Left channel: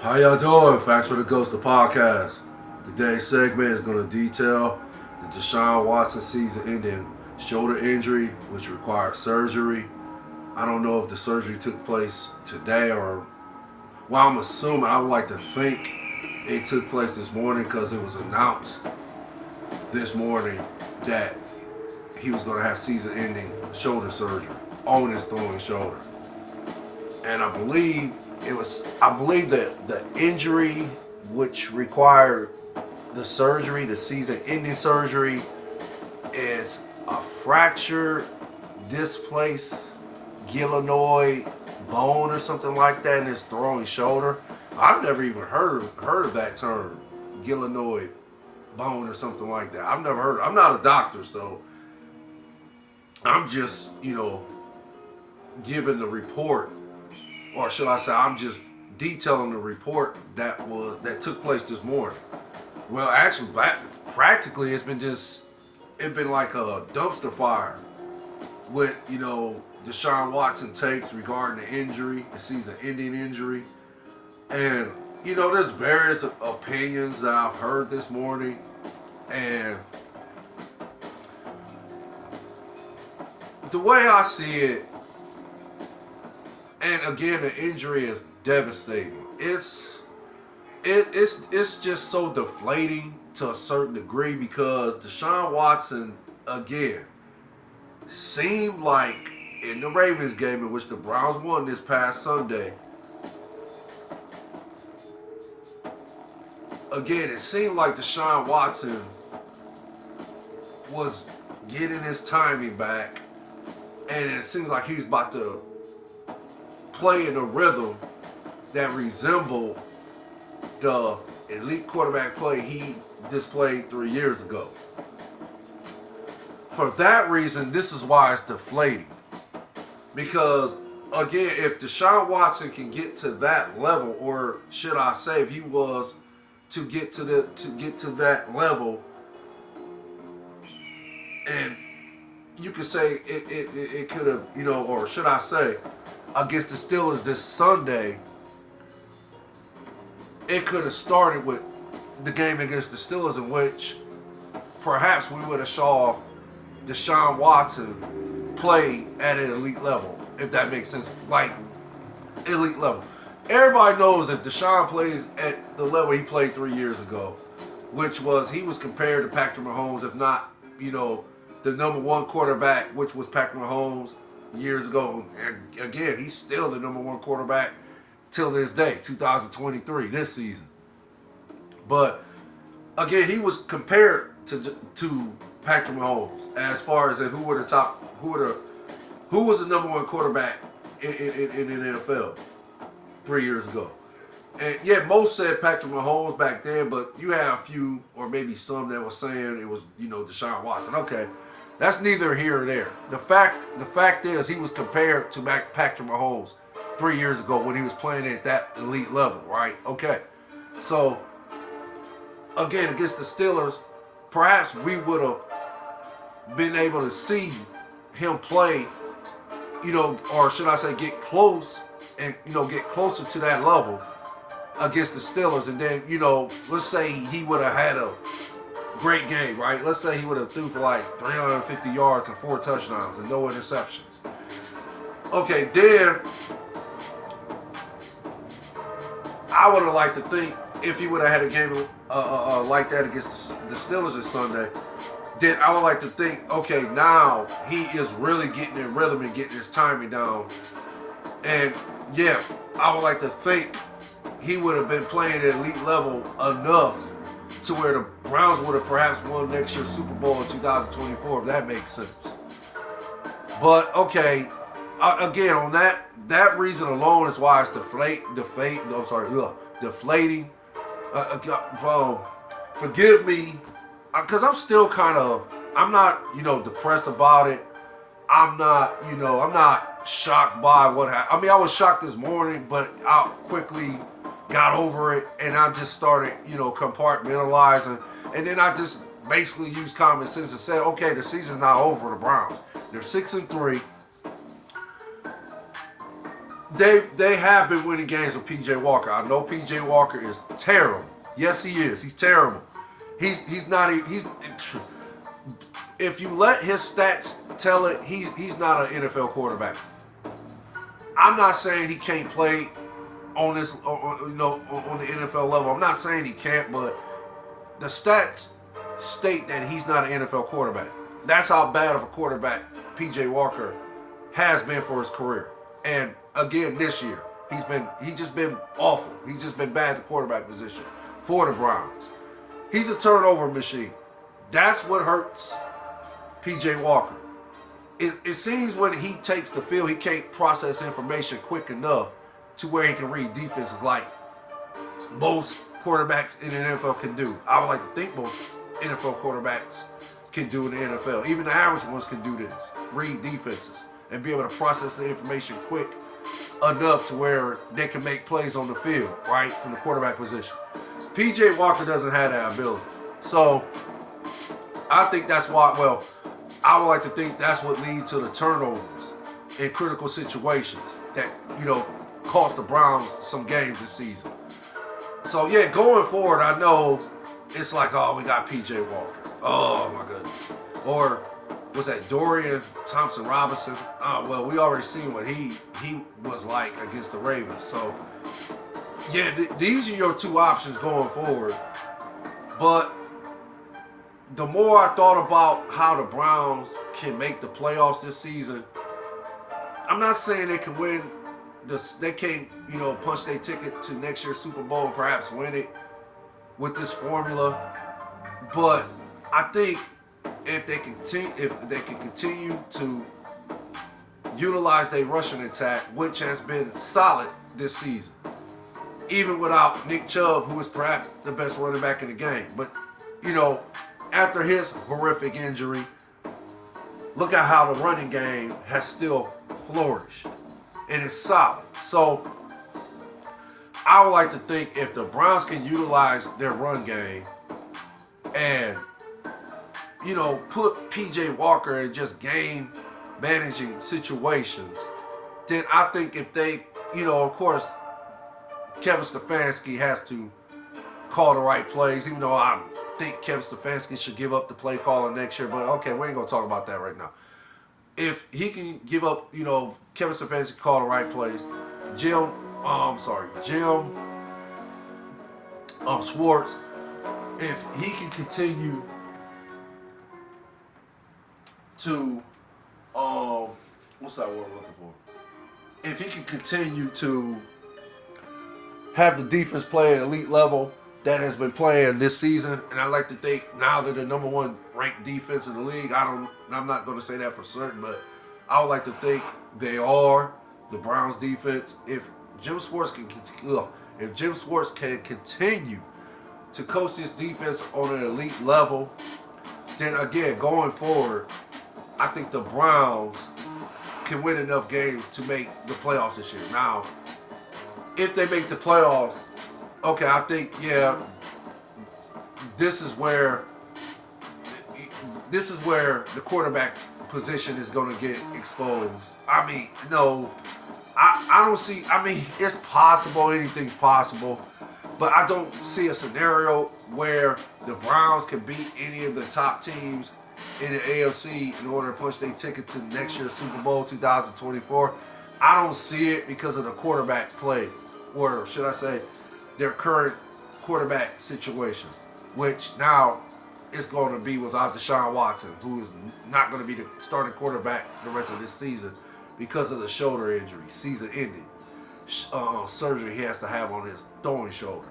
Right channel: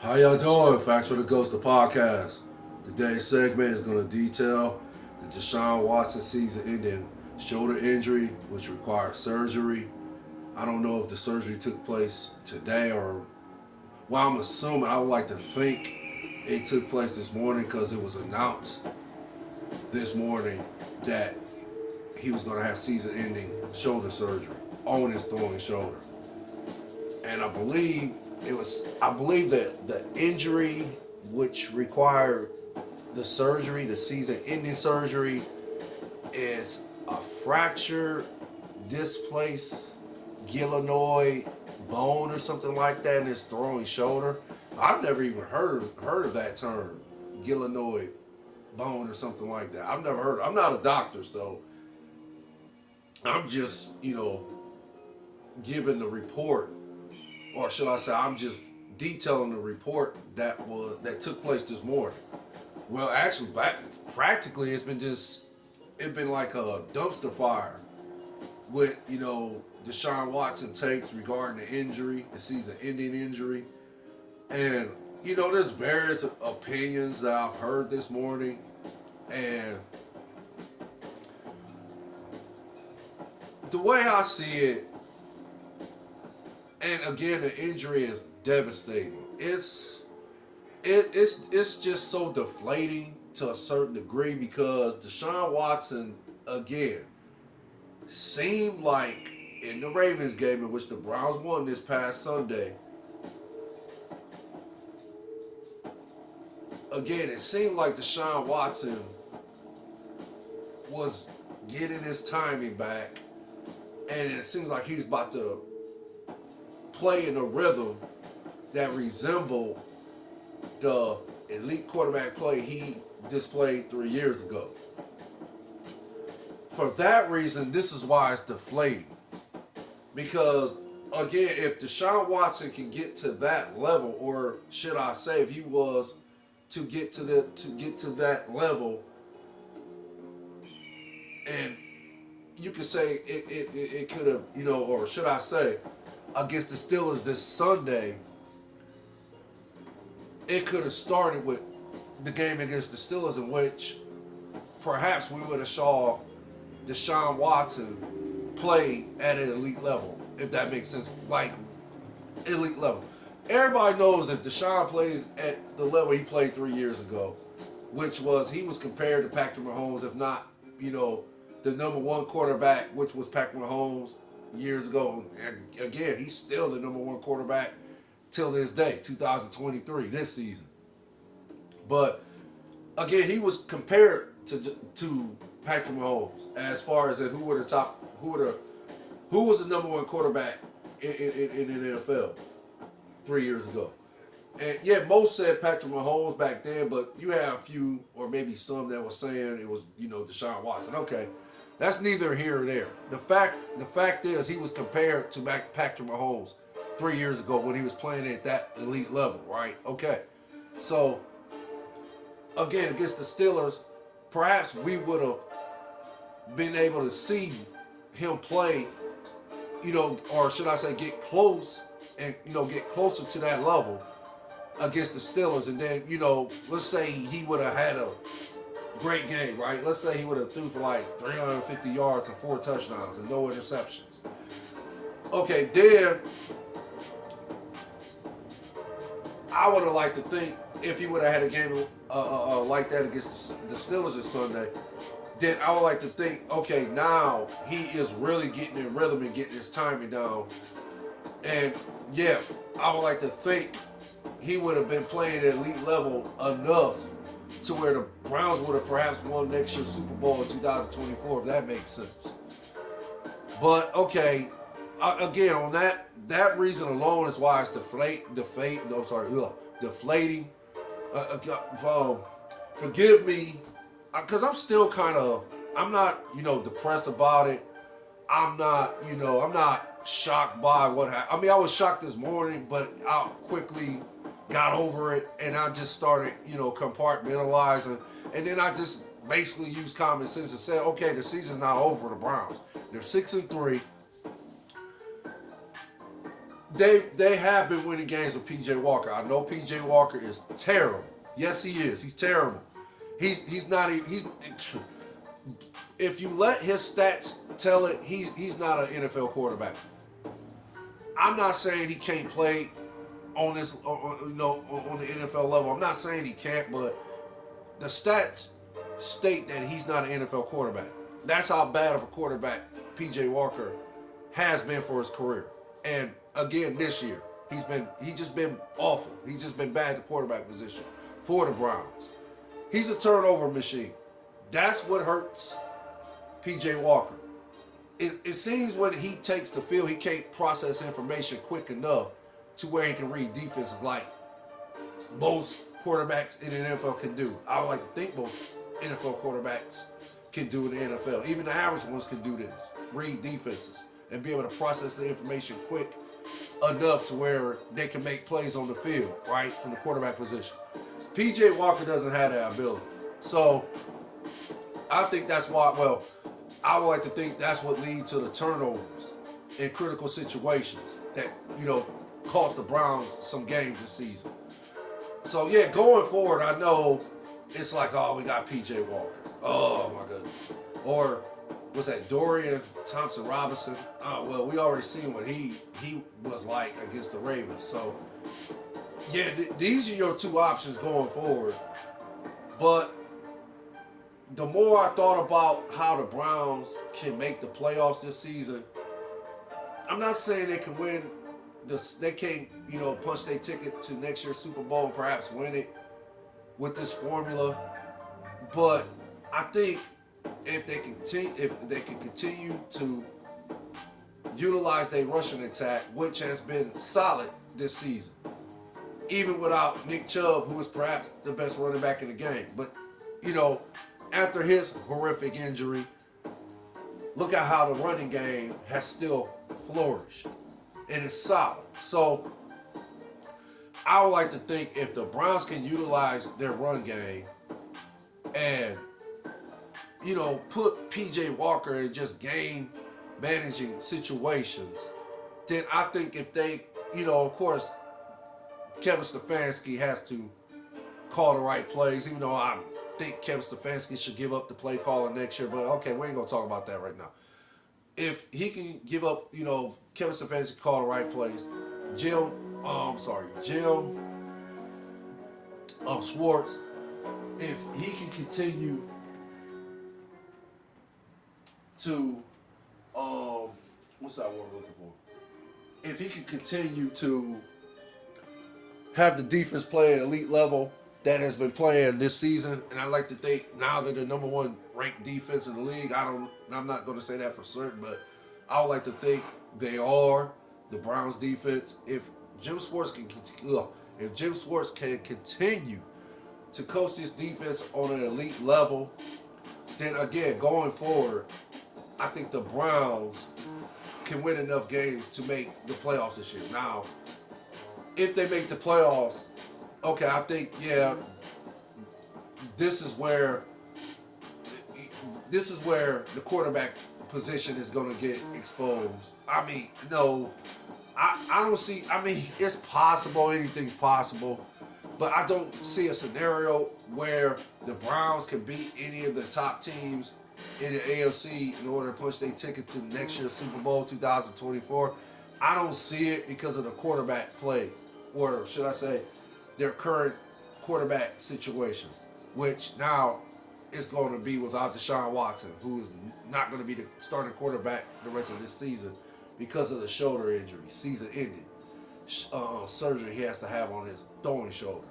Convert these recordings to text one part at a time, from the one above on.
How y'all doing? Facts for the Ghost, the podcast. Today's segment is going to detail the Deshaun Watson season-ending shoulder injury, which required surgery. I don't know if the surgery took place today or, well, I'm assuming, I would like to think it took place this morning because it was announced this morning that he was going to have season-ending shoulder surgery on his throwing shoulder. And I believe that the injury which required the surgery, the season-ending surgery, is a fractured, displaced glenoid bone or something like that in his throwing shoulder. I've never even heard of that term, glenoid bone or something like that. I've never heard. I'm not a doctor, so I'm just giving the report, or should I say, I'm just detailing the report that took place this morning. Well, actually, practically, it's been like a dumpster fire with Deshaun Watson takes regarding the injury, the season-ending injury, and there's various opinions that I've heard this morning, and the way I see it. And again, the injury is devastating. It's just so deflating to a certain degree because Deshaun Watson again seemed like in the Ravens game in which the Browns won this past Sunday. Again, it seemed like Deshaun Watson was getting his timing back, and it seems like he's about to play in a rhythm that resembled the elite quarterback play he displayed 3 years ago. For that reason, this is why it's deflating. Because again, if Deshaun Watson can get to that level, or should I say, if he was to get to that level, and you could say it could have, or should I say, against the Steelers this Sunday, it could have started with the game against the Steelers, in which perhaps we would have saw Deshaun Watson play at an elite level, if that makes sense. Like, elite level. Everybody knows that Deshaun plays at the level he played 3 years ago, which was, he was compared to Patrick Mahomes, if not, the number one quarterback, which was Patrick Mahomes years ago. And again, he's still the number one quarterback till this day, 2023, this season. But again, he was compared to Patrick Mahomes as far as who was the number one quarterback in the NFL 3 years ago. And yeah, most said Patrick Mahomes back then, but you had a few, or maybe some, that were saying it was Deshaun Watson. Okay, that's neither here or there. The fact is, he was compared to Patrick Mahomes 3 years ago when he was playing at that elite level, right? Okay, so again, against the Steelers, perhaps we would have been able to see him play, or should I say, get close and get closer to that level against the Steelers, and then let's say he would have had a great game, right? Let's say he would have threw for like 350 yards and 4 touchdowns and no interceptions. Okay, then I would have liked to think if he would have had a game like that against the Steelers this Sunday, then I would like to think, okay, now he is really getting in rhythm and getting his timing down. And yeah, I would like to think he would have been playing at elite level enough to where the Browns would have perhaps won next year's Super Bowl in 2024, if that makes sense. But okay, again, on that reason alone is why it's deflating. Forgive me, because I'm still I'm not depressed about it. I'm not shocked by what happened. I mean, I was shocked this morning, but I quickly got over it, and I just started, compartmentalizing, and then I just basically used common sense and said, okay, the season's not over for the Browns. They're 6-3. They have been winning games with PJ Walker. I know PJ Walker is terrible. Yes, he is. He's terrible. He's not. He's if you let his stats tell it, he's not an NFL quarterback. I'm not saying he can't play on this, on the NFL level. I'm not saying he can't, but the stats state that he's not an NFL quarterback. That's how bad of a quarterback PJ Walker has been for his career. And again, this year, he's just been awful. He's just been bad at the quarterback position for the Browns. He's a turnover machine. That's what hurts PJ Walker. It seems when he takes the field, he can't process information quick enough to where he can read defenses like most quarterbacks in the NFL can do. I would like to think most NFL quarterbacks can do in the NFL. Even the average ones can do this. Read defenses and be able to process the information quick enough to where they can make plays on the field, right, from the quarterback position. PJ Walker doesn't have that ability. So I think that's why, I would like to think that's what leads to the turnovers in critical situations that, cost the Browns some games this season. So, yeah, going forward, I know it's like, oh, we got PJ Walker. Oh, my goodness. Or was that Dorian Thompson-Robinson? Oh, well, we already seen what he was like against the Ravens. So, yeah, these are your two options going forward. But the more I thought about how the Browns can make the playoffs this season, I'm not saying they can win. They can't, punch their ticket to next year's Super Bowl and perhaps win it with this formula. But I think if they can continue to utilize their rushing attack, which has been solid this season, even without Nick Chubb, who is perhaps the best running back in the game. But, after his horrific injury, look at how the running game has still flourished. And it's solid. So, I would like to think if the Browns can utilize their run game and, put PJ Walker in just game managing situations, then I think if they, of course, Kevin Stefanski has to call the right plays, even though I think Kevin Stefanski should give up the play calling next year, but okay, we ain't going to talk about that right now. If he can give up, Kevin Stefanski call the right plays, Jim Schwartz, if he can continue to, what's that word I'm looking for? If he can continue to have the defense play at elite level that has been playing this season, and I like to think now they're the number one ranked defense in the league. I'm not going to say that for certain, but I would like to think they are the Browns defense. If Jim Schwartz can continue to coach this defense on an elite level, then again, going forward, I think the Browns can win enough games to make the playoffs this year. Now, if they make the playoffs, okay, I think, this is where the quarterback position is going to get exposed. I mean, I don't see, it's possible, anything's possible, but I don't see a scenario where the Browns can beat any of the top teams in the AFC in order to punch their ticket to next year's Super Bowl 2024. I don't see it because of the quarterback play, or should I say, their current quarterback situation, which now is going to be without Deshaun Watson, who is not going to be the starting quarterback the rest of this season because of the shoulder injury, season-ending surgery he has to have on his throwing shoulder.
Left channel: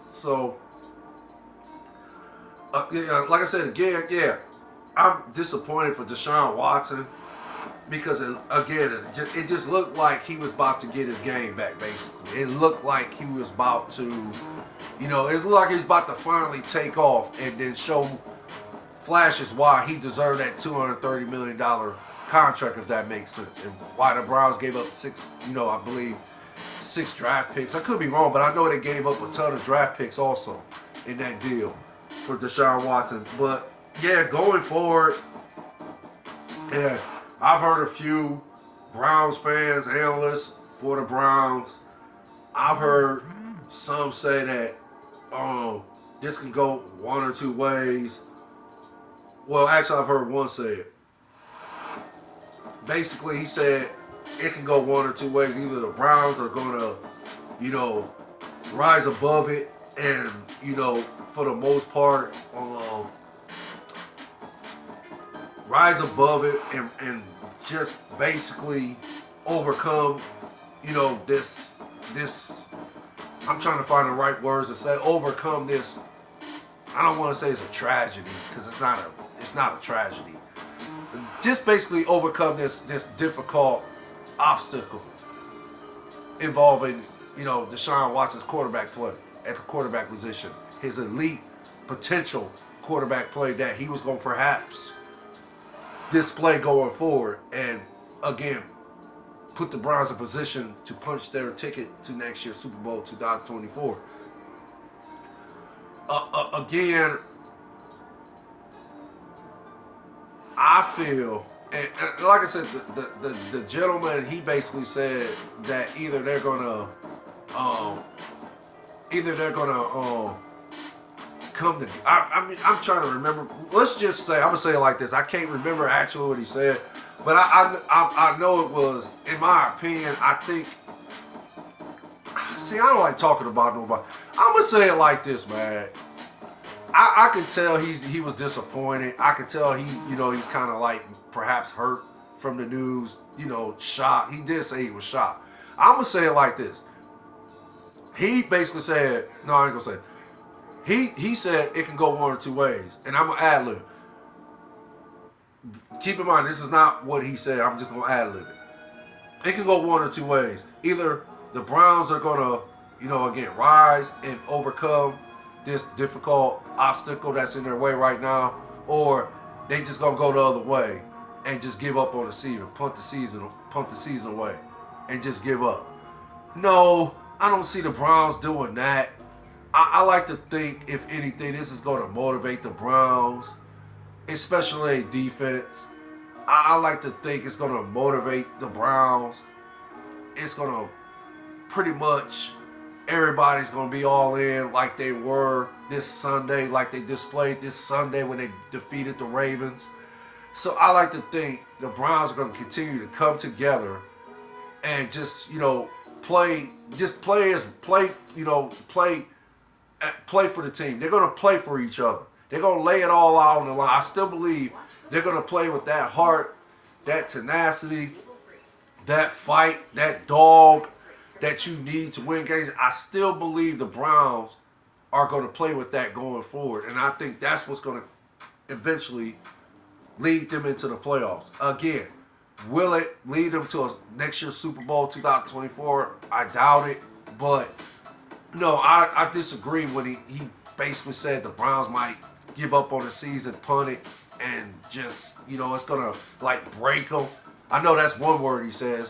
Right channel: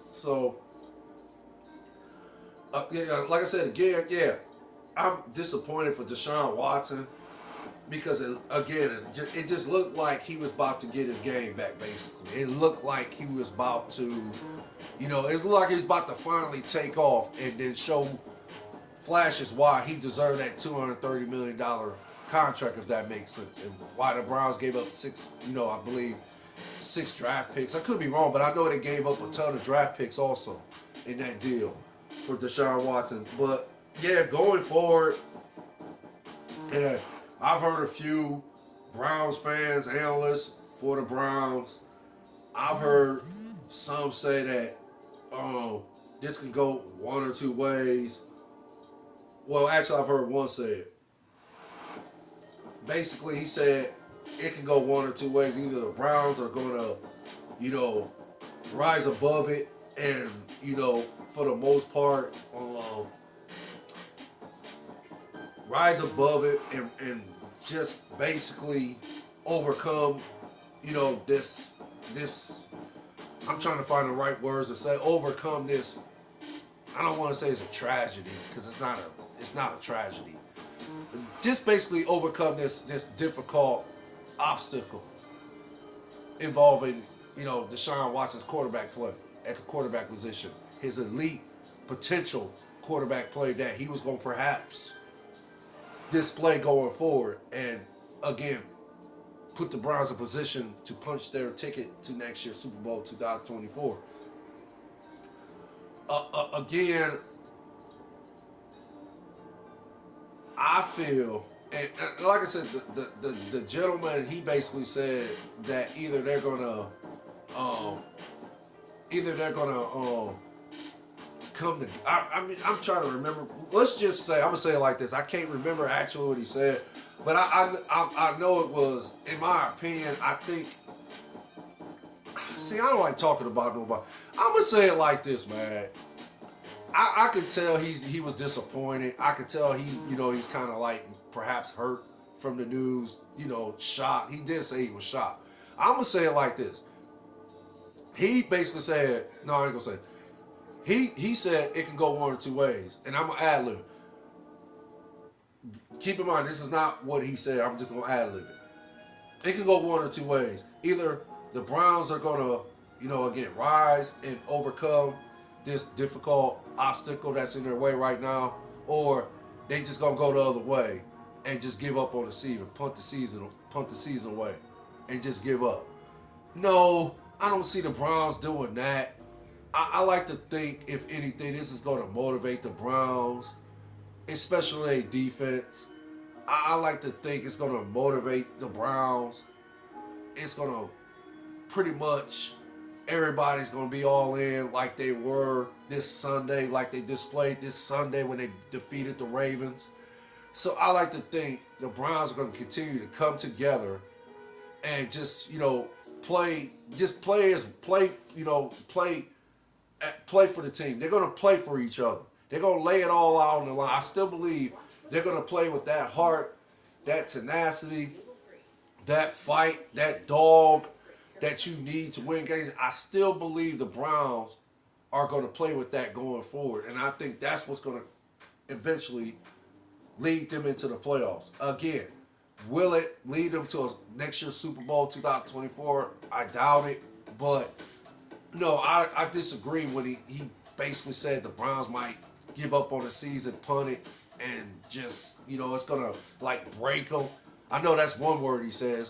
So, like I said again, I'm disappointed for Deshaun Watson because, it just looked like he was about to get his game back, basically. It looked like he was about to, it looked like he was about to finally take off and then show flashes why he deserved that $230 million contract, if that makes sense, and why the Browns gave up I believe 6 draft picks. I could be wrong, but I know they gave up a ton of draft picks also in that deal for Deshaun Watson. But yeah, going forward, I've heard a few Browns fans, analysts, for the Browns. I've heard some say that this can go one or two ways. Well, actually, I've heard one say it. Basically, he said it can go one or two ways. Either the Browns are going to, rise above it and, for the most part, rise above it and just basically overcome, this, I'm trying to find the right words to say, overcome this. I don't want to say it's a tragedy because it's not a tragedy. Just basically overcome this difficult obstacle involving, Deshaun Watson's quarterback play at the quarterback position. His elite potential quarterback play that he was going to perhaps display going forward. And again, put the Browns in position to punch their ticket to next year's Super Bowl 2024. Again, I feel, and like I said, the gentleman, he basically said that either they're gonna come to. I'm trying to remember. Let's just say, I'm gonna say it like this. I can't remember actually what he said, but I know it was, in my opinion, I think. See, I don't like talking about nobody. I'm gonna say it like this, man. I can tell he was disappointed. I can tell he's kind of like perhaps hurt from the news. Shocked. He did say he was shocked. I'm gonna say it like this. He basically said, no, I ain't gonna say it. He said it can go one or two ways, and I'm gonna ad lib. Keep in mind, this is not what he said. I'm just gonna ad lib it. It can go one or two ways. Either the Browns are gonna, again, rise and overcome this difficult obstacle that's in their way right now, or they just gonna go the other way and just give up on the season, punt the season away, and just give up. No, I don't see the Browns doing that. I like to think, if anything, this is going to motivate the Browns, especially defense. I like to think it's going to motivate the Browns. It's going to pretty much, everybody's going to be all in like they were this Sunday, like they displayed this Sunday when they defeated the Ravens. So I like to think the Browns are going to continue to come together and just, play for the team. They're going to play for each other. They're going to lay it all out on the line. I still believe they're going to play with that heart, that tenacity, that fight, that dog that you need to win games. I still believe the Browns are going to play with that going forward. And I think that's what's going to eventually lead them into the playoffs. Again, will it lead them to a next year's Super Bowl 2024? I doubt it. But no, I disagree when he basically said the Browns might give up on the season, punt it, and just, it's going to like break them. I know that's one word he says.